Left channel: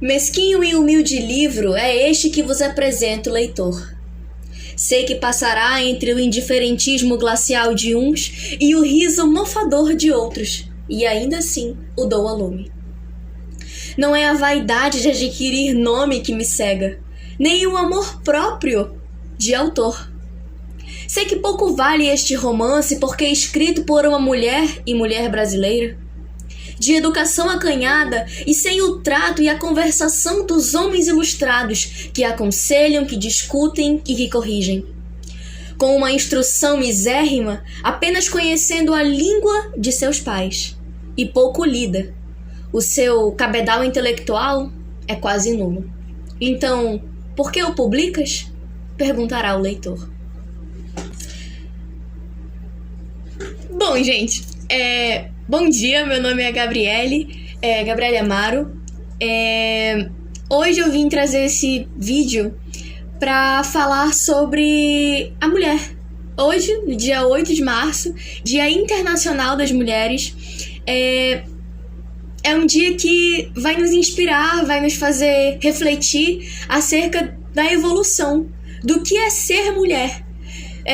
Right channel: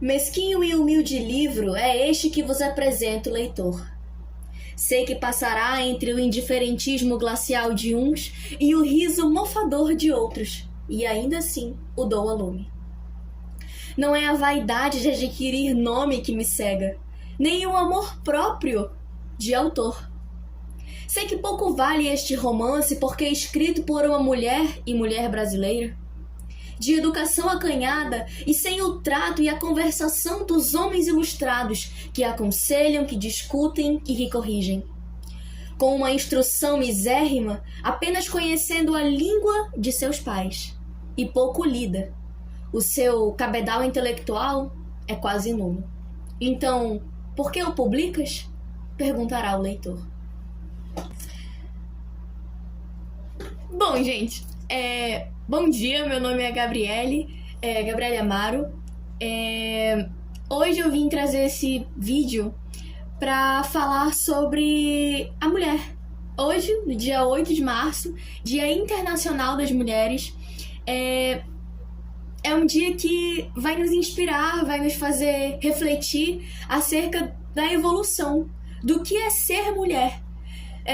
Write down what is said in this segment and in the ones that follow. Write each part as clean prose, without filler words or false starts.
Mesquinho e humilde livro é este que vos apresento, leitor. Sei que passará entre o indiferentismo glacial de uns e o riso mofador de outros, e ainda assim o dou a lume. Não é a vaidade de adquirir nome que me cega, nem o amor próprio de autor. Sei que pouco vale este romance porque é escrito por uma mulher e mulher brasileira, de educação acanhada e sem o trato e a conversação dos homens ilustrados que aconselham, que discutem e que corrigem. Com uma instrução misérrima, apenas conhecendo a língua de seus pais, e pouco lida. O seu cabedal intelectual é quase nulo. Então, por que o publicas? Perguntará o leitor. Bom, gente, bom dia, meu nome é Gabriele Amaro. Hoje eu vim trazer esse vídeo para falar sobre a mulher. Hoje, no dia 8 de março, Dia Internacional das Mulheres, é um dia que vai nos inspirar, vai nos fazer refletir acerca da evolução do que é ser mulher.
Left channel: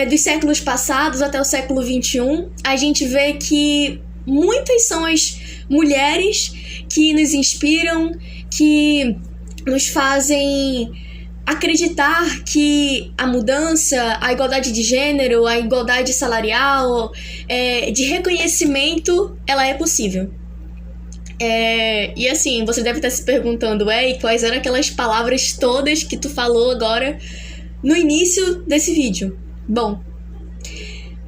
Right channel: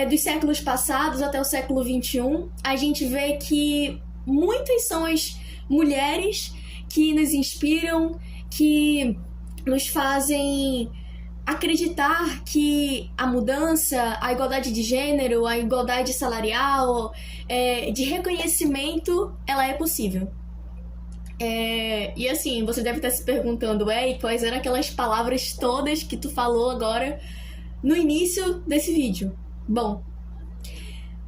Dos séculos passados até o século XXI, a gente vê que muitas são as mulheres que nos inspiram, que nos fazem acreditar que a mudança, a igualdade de gênero, a igualdade salarial, de reconhecimento, ela é possível. E assim, você deve estar se perguntando, e quais eram aquelas palavras todas que tu falou agora no início desse vídeo? Bom,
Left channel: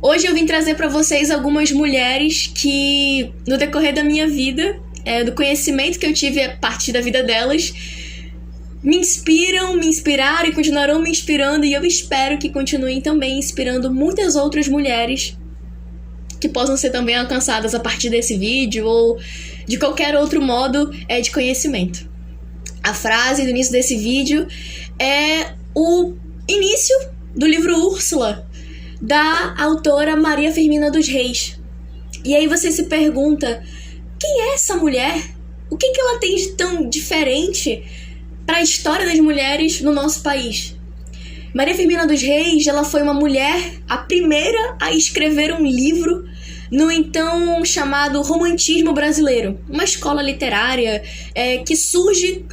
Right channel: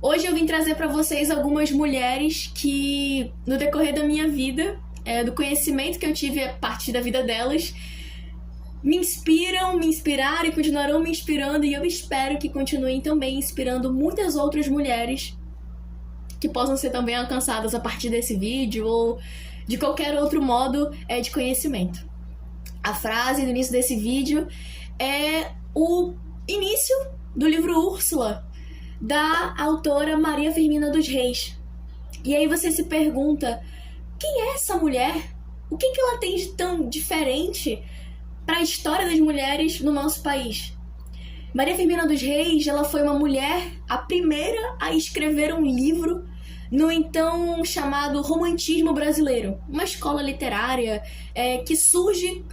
hoje eu vim trazer para vocês algumas mulheres que, no decorrer da minha vida, do conhecimento que eu tive a partir da vida delas, me inspiraram e continuarão me inspirando, e eu espero que continuem também inspirando muitas outras mulheres que possam ser também alcançadas a partir desse vídeo ou de qualquer outro modo de conhecimento. A frase do início desse vídeo é o início do livro Úrsula, da autora Maria Firmina dos Reis. E aí você se pergunta, quem é essa mulher? O que ela tem de tão diferente para a história das mulheres no nosso país? Maria Firmina dos Reis, ela foi uma mulher, a primeira a escrever um livro no então chamado Romantismo Brasileiro, uma escola literária que surge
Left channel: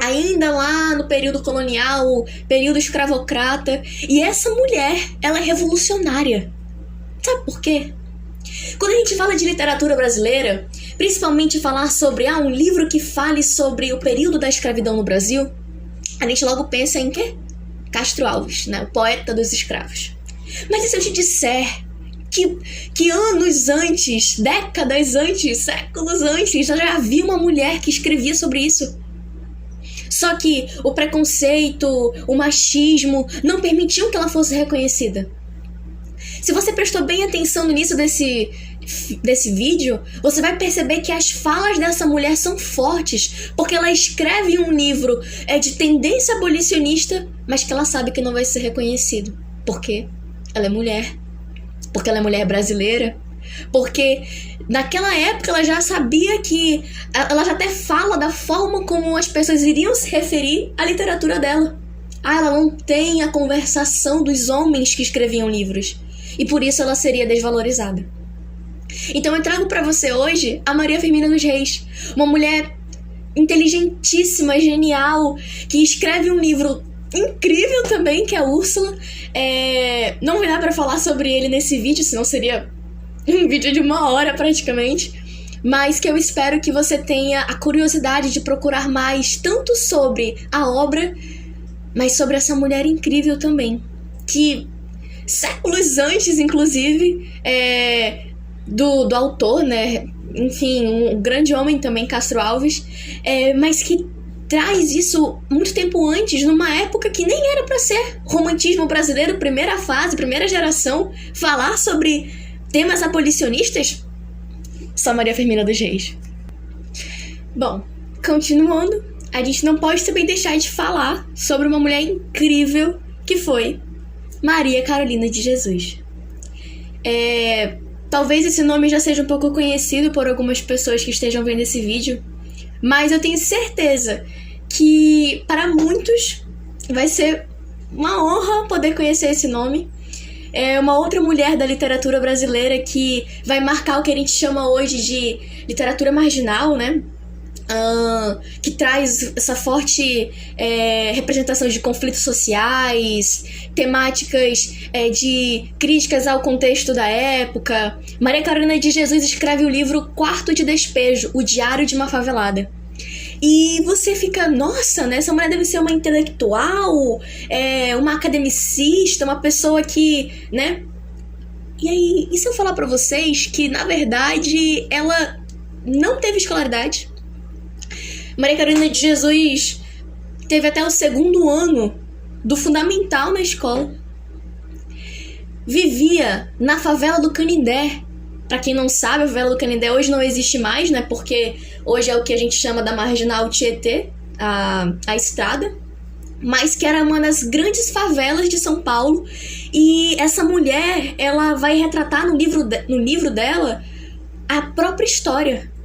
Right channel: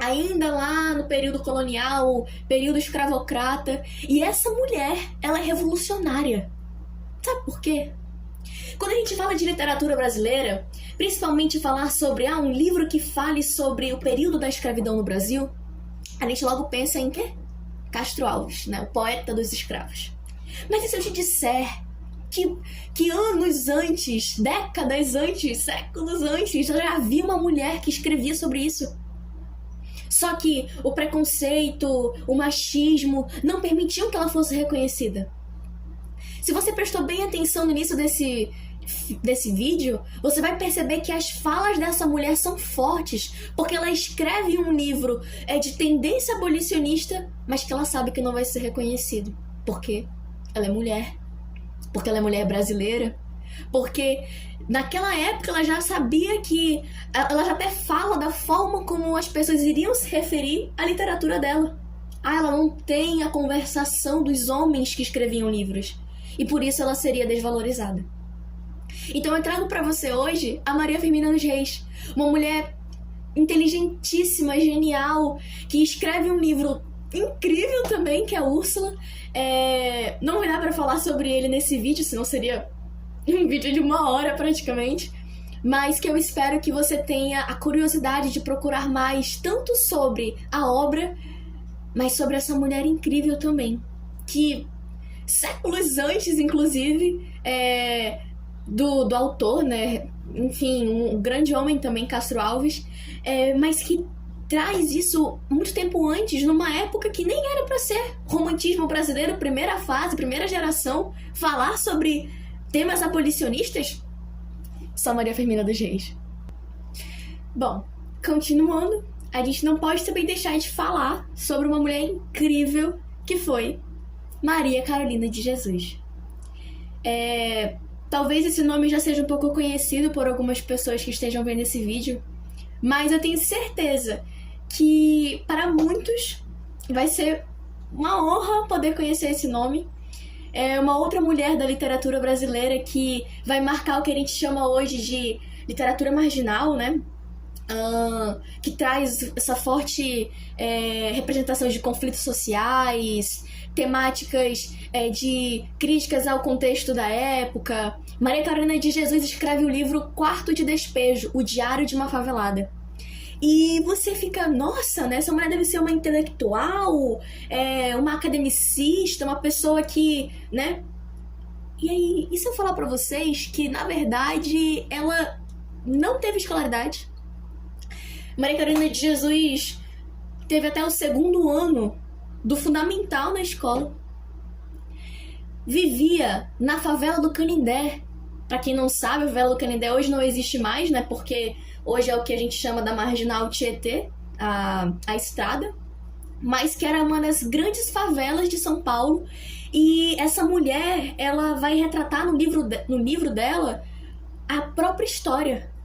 ainda lá no período colonial, período escravocrata. E essa mulher, ela é revolucionária. Sabe por quê? Quando a gente fala de literatura brasileira, principalmente falar sobre um livro que fale sobre o período da escravidão no Brasil, a gente logo pensa em quê? Castro Alves, né? O poeta dos escravos. Mas e se eu te disser que anos antes, décadas antes, séculos antes, eu já havia uma mulher que escrevia sobre isso? Só que o preconceito, o machismo não permitiam que ela fosse reconhecida. Se você prestou bem atenção no início desse vídeo, você vai perceber que as falas dessa mulher são fortes, porque ela escreve um livro de tendência abolicionista, mas que ela sabe que não vai ser reconhecido. Por quê? Ela é mulher. Porque ela é mulher brasileira. Porque naquela época ela já sabia que... Ela já até fala da forma como as pessoas iriam se referir à literatura dela. Ela não tem a conversação dos homens que escreviam livros. E por isso ela seria desvalorizada. Então eu trago pra você hoje a Maria Firmina dos Reis. Uma mulher inteligentíssima, genial, que escreve um livro incrível também, que é Úrsula. Não vai dar pra falar sobre ele nesse vídeo, senão seria um vídeo de 1 hora praticamente, mas que eu espero que você tenha a curiosidade de procurar mais, tanto sobre a obra, mas sobre essa mulher incrível também, que séculos antes, inclusive, do autor, né, enfim, um grande homem também, Castro Alves, mas que traz isso muito tempo antes, numa época que nem era para ser romantismo brasileiro, primeira fase, primeira geração, falar sobre temas abolicionistas, só Maria Firmina dos Reis. Bom, continuando, a gente não pode também deixar de falar sobre uma mulher incrível que foi Maria Carolina de Jesus. Talvez esse nome já seja um pouco conhecido por algumas pessoas que estejam vendo esse vídeo, mas eu tenho certeza que para muitos vai ser uma honra poder conhecer esse nome. É uma outra mulher da literatura brasileira que vai marcar o que a gente chama hoje de literatura marginal, né? Que traz essa forte representação de conflitos sociais, temáticas de críticas ao contexto da época. Maria Carolina de Jesus escreve o livro Quarto de Despejo, o Diário de uma Favelada. E você fica, nossa, né? Essa mulher deve ser uma intelectual, uma academicista, uma pessoa que, né? E aí, e se eu falar pra vocês que, na verdade, ela não teve escolaridade? Maria Carolina de Jesus teve até o 2º ano do fundamental na escola. Vivia na favela do Canindé. Pra quem não sabe, a favela do Canindé hoje não existe mais, né? Porque hoje é o que a gente chama da Marginal Tietê, a estrada. Mas que era uma das grandes favelas de São Paulo. E essa mulher, ela vai retratar no livro dela a própria história.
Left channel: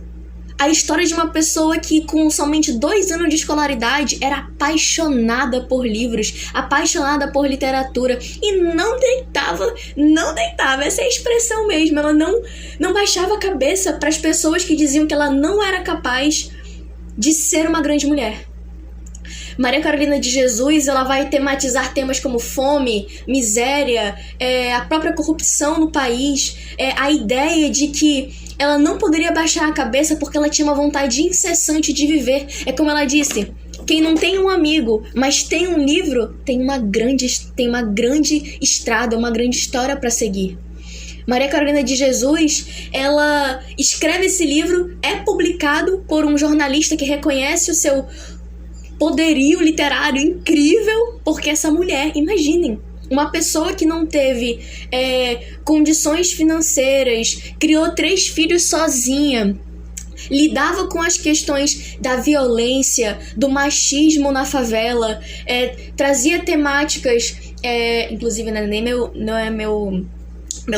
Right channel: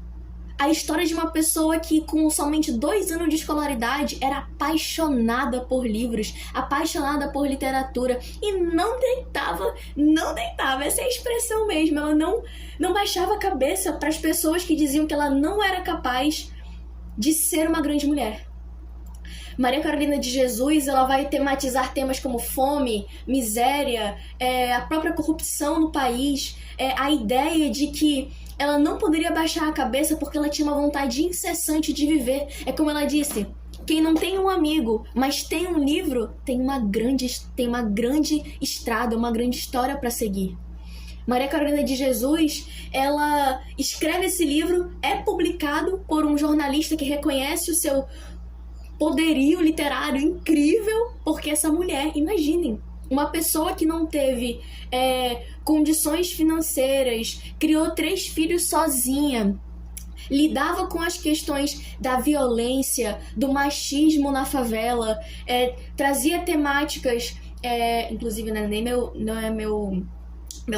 A história de uma pessoa que com somente 2 anos de escolaridade era apaixonada por livros, apaixonada por literatura e não deitava, essa é a expressão mesmo, ela não baixava a cabeça para as pessoas que diziam que ela não era capaz de ser uma grande mulher. Maria Carolina de Jesus, ela vai tematizar temas como fome, miséria, a própria corrupção no país, a ideia de que ela não poderia baixar a cabeça porque ela tinha uma vontade incessante de viver. É como ela disse, quem não tem um amigo, mas tem um livro, tem uma grande estrada, uma grande história para seguir. Maria Carolina de Jesus, ela escreve esse livro, é publicado por um jornalista que reconhece o seu poderio literário incrível, porque essa mulher, imaginem, uma pessoa que não teve condições financeiras, criou 3 filhos sozinha, lidava com as questões da violência, do machismo na favela, trazia temáticas, inclusive não é meu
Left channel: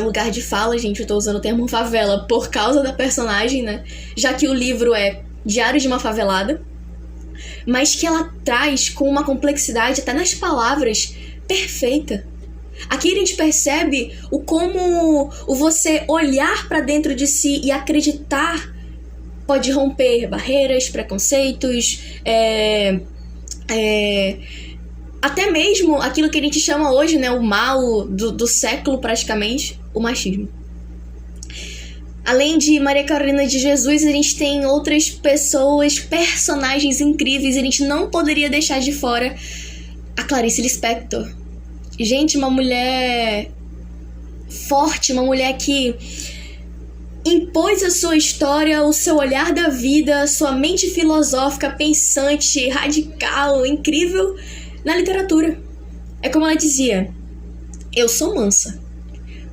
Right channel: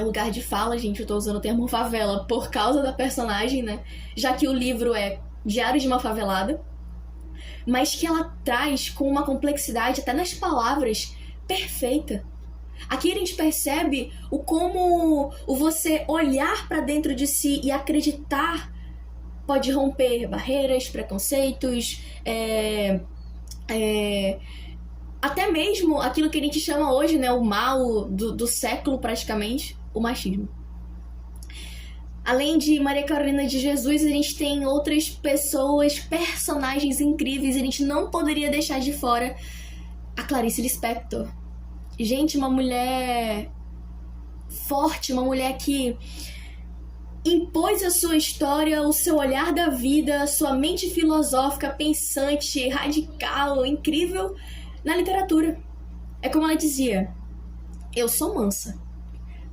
lugar de fala, gente, eu tô usando o termo favela por causa da personagem, né? Já que o livro é Diário de uma Favelada, mas que ela traz com uma complexidade até nas palavras perfeita. Aqui a gente percebe como você olhar para dentro de si e acreditar pode romper barreiras, preconceitos, até mesmo aquilo que a gente chama hoje, né, o mal do século praticamente, o machismo. Além de Maria Carolina de Jesus, a gente tem outras pessoas, personagens incríveis, a gente não poderia deixar de fora a Clarice Lispector. Gente, uma mulher forte, uma mulher que impôs a sua história, o seu olhar da vida, sua mente filosófica, pensante, radical, incrível na literatura. É como ela dizia, eu sou mansa,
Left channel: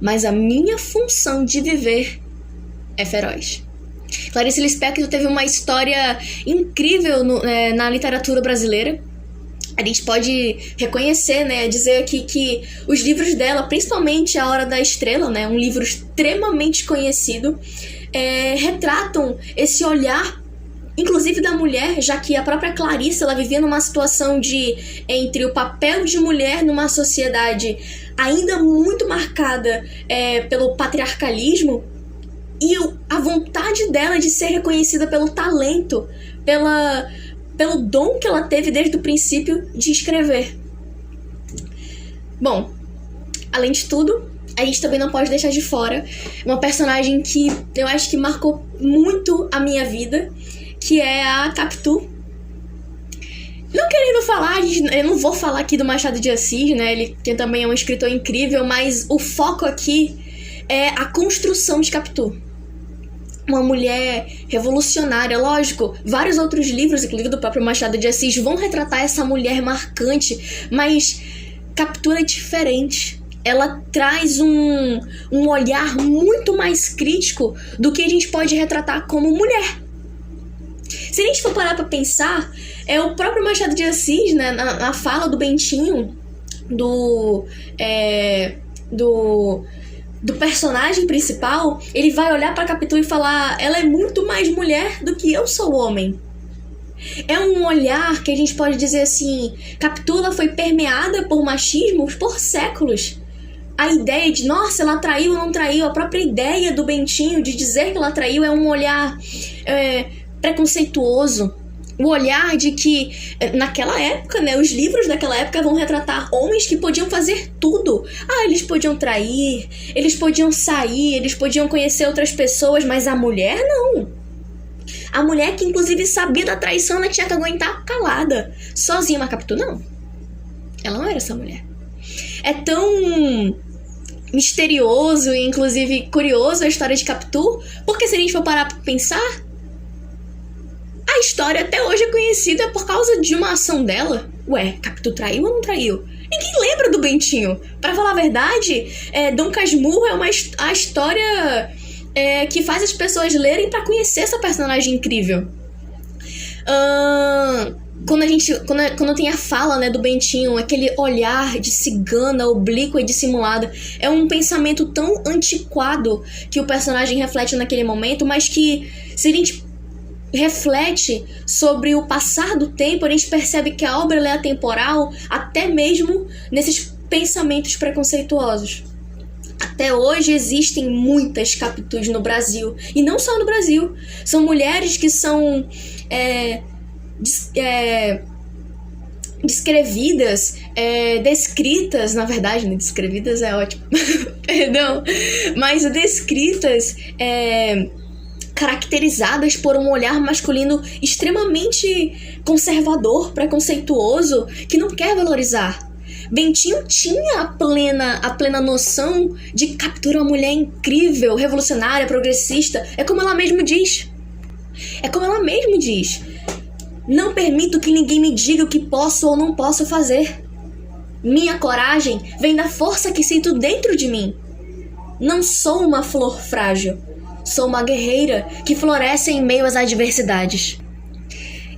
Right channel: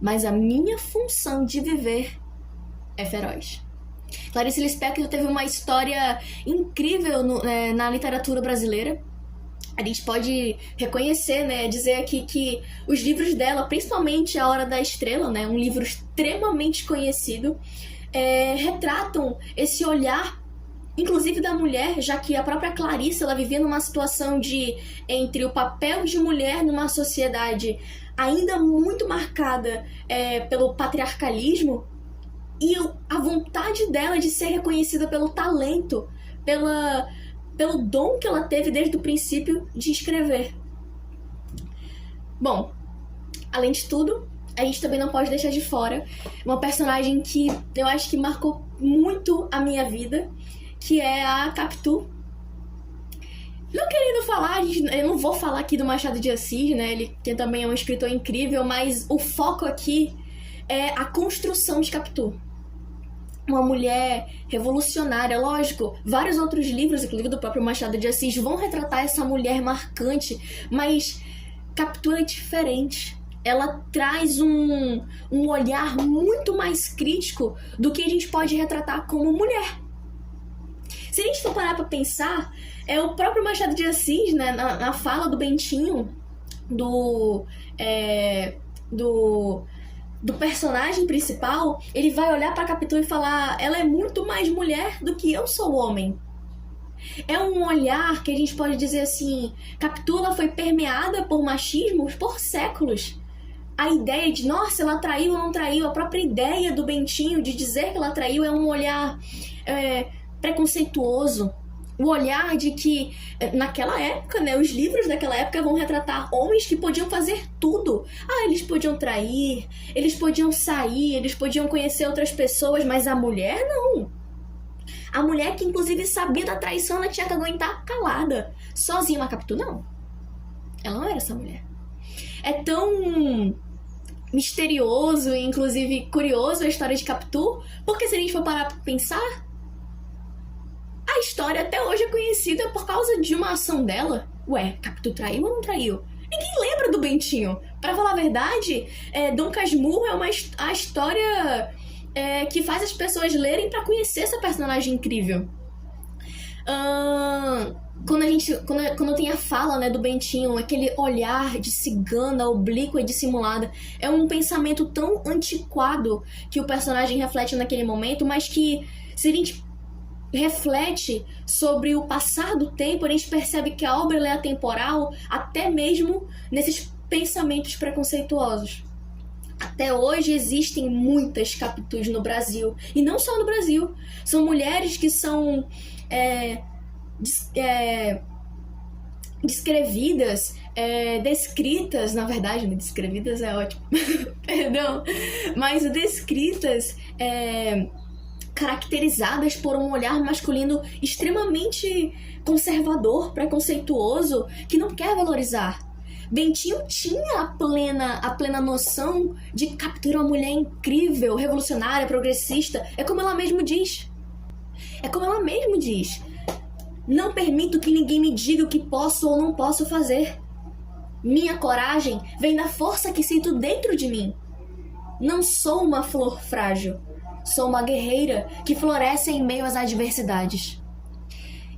mas a minha função de viver é feroz. Clarice Lispector teve uma história incrível na literatura brasileira. A gente pode reconhecer, né, dizer aqui que os livros dela, principalmente A Hora da Estrela, né, um livro extremamente conhecido, retratam esse olhar, inclusive da mulher, já que a própria Clarice, ela vivia numa situação entre o papel de mulher numa sociedade ainda muito marcada pelo patriarcalismo, e a vontade dela de ser reconhecida pelo talento, pelo dom que ela teve desde o princípio de escrever. Bom, além de tudo, a gente também não pode deixar de fora uma personagem que eu acho que marcou muito a minha vida, que é a Capitu. Não querendo falar, eu não vou falar aqui do Machado de Assis, né? Ele que também é um escritor incrível, mas o foco aqui é a construção de Capitu. Uma mulher revolucionária, lógico, vários outros livros, inclusive do próprio Machado de Assis, vão retratar essa mulher marcante, mas Capitu é diferente. Ela traz um olhar muito mais crítico do que a gente pode retratar como mulher. Se a gente for parar pra pensar, o próprio Machado de Assis, né, na fala do Bentinho, do personagem principal, ele vai olhar pra Capitu e falar, ela é muito mais mulher do que eu sou homem. É um olhar que a gente pode dizer assim, Capitu ela foi permeada por machismo por séculos. A ideia de, nossa, ela traiu ou não traiu, a própria ideia do Bentinho de dizer que ela traiu é um olhar preconceituoso. O olhar de que, naquela época, né, os livros daquela época vão retratar homens que podiam fazer tudo. Eles podiam trair, eles podiam sair, eles podiam conhecer outras pessoas, mas a mulher não. A mulher que, inclusive, sabia da traição, ela tinha que aguentar calada, sozinha. Mas Capitu, não. Ela não era essa mulher. É tão misterioso e, inclusive, curioso a história de Capitu, porque se a gente for parar pra pensar, a história até hoje é conhecida por causa de uma ação dela. Ué, Capitu traiu ou não traiu? Ninguém lembra do Bentinho. Pra falar a verdade, Dom Casmurro é a história que faz as pessoas lerem pra conhecer essa personagem incrível. Quando tem a fala, né, do Bentinho, aquele olhar de cigana, oblíqua e dissimulada, é um pensamento tão antiquado que o personagem reflete naquele momento, mas que, se a gente reflete sobre o passar do tempo, a gente percebe que a obra é atemporal, até mesmo nesses pensamentos preconceituosos. Até hoje existem muitas Capitus no Brasil, e não só no Brasil. São mulheres que são descrevidas, descritas, na verdade, né? Descrevidas é ótimo, perdão, mas descritas, caracterizadas por um olhar masculino extremamente conservador, preconceituoso, que não quer valorizar. Bentinho tinha a plena noção de que Capitu era uma mulher incrível, revolucionária, progressista. É como ela mesma diz. Não permito que ninguém me diga o que posso ou não posso fazer. Minha coragem vem da força que sinto dentro de mim. Não sou uma flor frágil. Sou uma guerreira que floresce em meio às adversidades.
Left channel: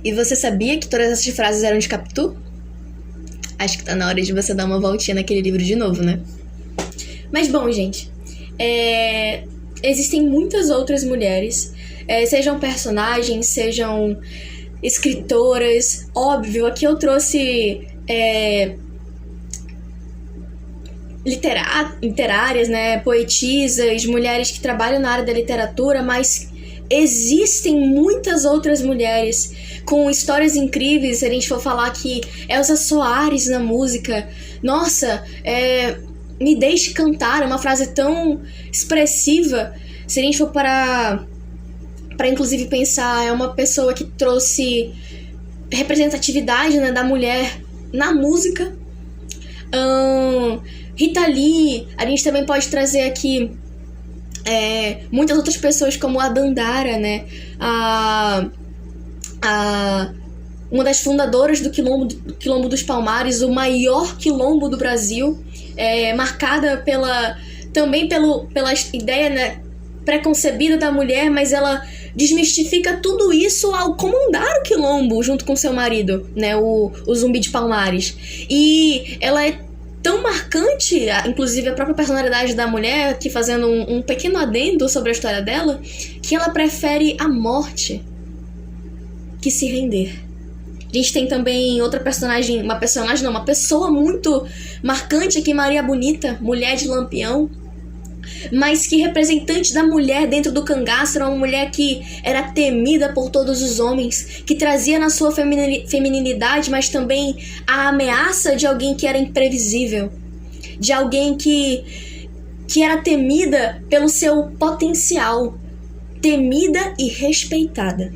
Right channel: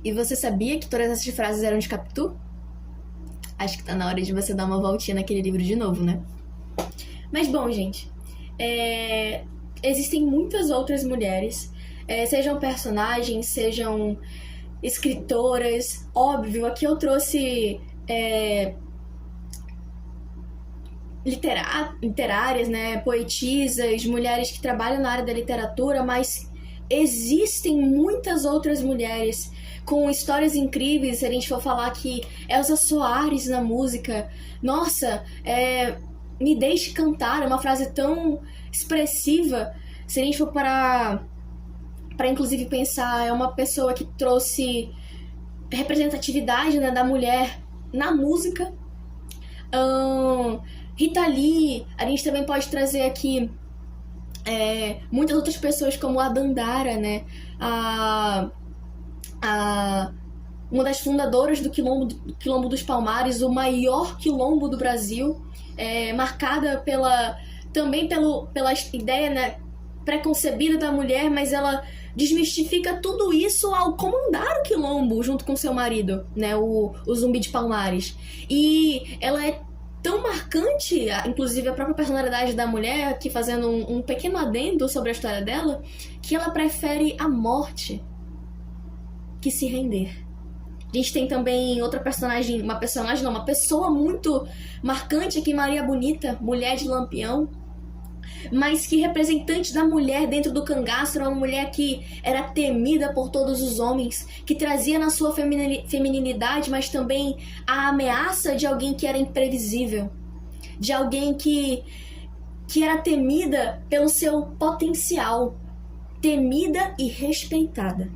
E você sabia que todas essas frases eram de Capitu? Acho que tá na hora de você dar uma voltinha naquele livro de novo, né? Mas bom, gente, existem muitas outras mulheres, sejam personagens, sejam escritoras. Óbvio, aqui eu trouxe literárias, né, poetisas, mulheres que trabalham na área da literatura, mas existem muitas outras mulheres com histórias incríveis. Se a gente for falar que Elza Soares na música, nossa, me deixe cantar, é uma frase tão expressiva. Se a gente for para inclusive pensar, é uma pessoa que trouxe representatividade, né, da mulher na música. Rita Lee, a gente também pode trazer aqui muitas outras pessoas como a Dandara, né, uma das fundadoras do Quilombo dos Palmares, o maior quilombo do Brasil, marcada pela ideia, né, preconcebida da mulher, mas ela desmistifica tudo isso ao comandar o quilombo junto com seu marido, né, o Zumbi de Palmares. E ela é tão marcante, inclusive a própria personalidade da mulher, que fazendo um pequeno adendo sobre a história dela, que ela prefere a morte que se render. A gente tem também outra personagem, uma pessoa muito marcante aqui, Maria Bonita, mulher de Lampião, mas que representante da mulher dentro do cangaço, era uma mulher que era temida por todos os homens, que trazia na sua feminilidade, mas também a ameaça de alguém que era imprevisível, de alguém que era temida pelo seu potencial, temida e respeitada.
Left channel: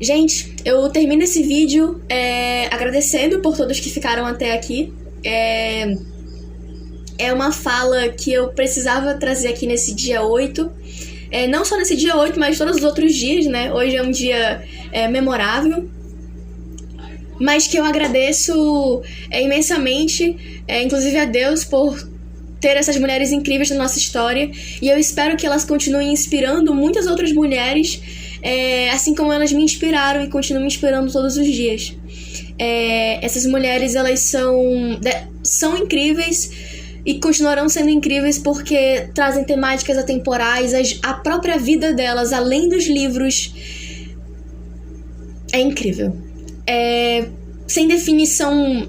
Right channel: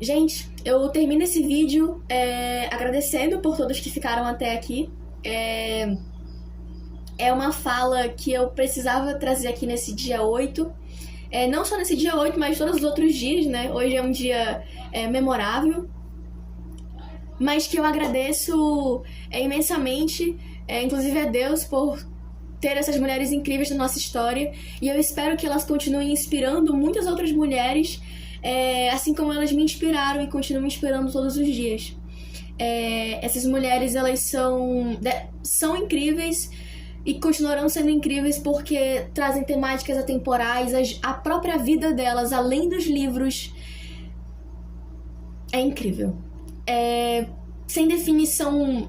Gente, eu termino esse vídeo agradecendo por todos que ficaram até aqui. É uma fala que eu precisava trazer aqui nesse dia 8. Não só nesse dia 8, mas todos os outros dias, né? Hoje é um dia memorável. Mas que eu agradeço imensamente, inclusive a Deus, por ter essas mulheres incríveis na nossa história. E eu espero que elas continuem inspirando muitas outras mulheres, assim como elas me inspiraram e continuam me inspirando todos os dias. Essas mulheres, elas são incríveis e continuarão sendo incríveis porque trazem temáticas atemporais, a própria vida delas, além dos livros, é incrível. Sem definição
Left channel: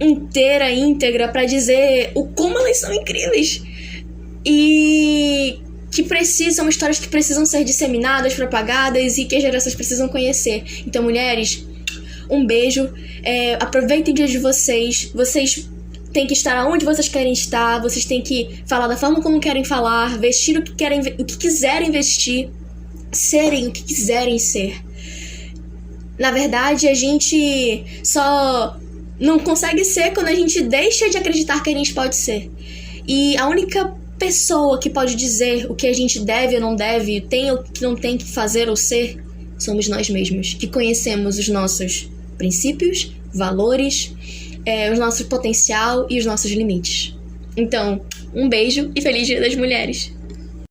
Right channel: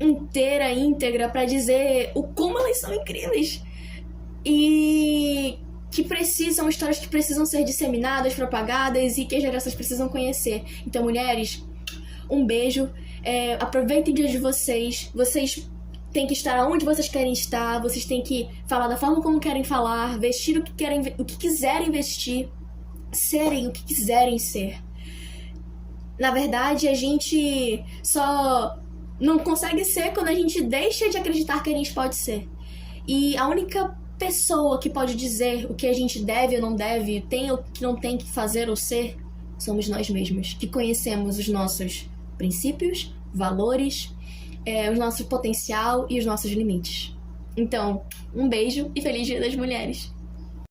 inteira, íntegra, pra dizer o como elas são incríveis. E que são histórias que precisam ser disseminadas, propagadas e que as gerações precisam conhecer. Então, mulheres, um beijo. Aproveitem o dia de vocês. Vocês têm que estar onde vocês querem estar. Vocês têm que falar da forma como querem falar, vestir o que quiserem vestir, serem o que quiserem ser. Na verdade, a gente só não consegue ser quando a gente deixa de acreditar que a gente pode ser. E a única pessoa que pode dizer o que a gente deve ou não deve, tem ou que não tem que fazer ou ser, somos nós mesmos, que conhecemos os nossos princípios, valores, o nosso potencial e os nossos limites. Então, um beijo e feliz Dia das Mulheres!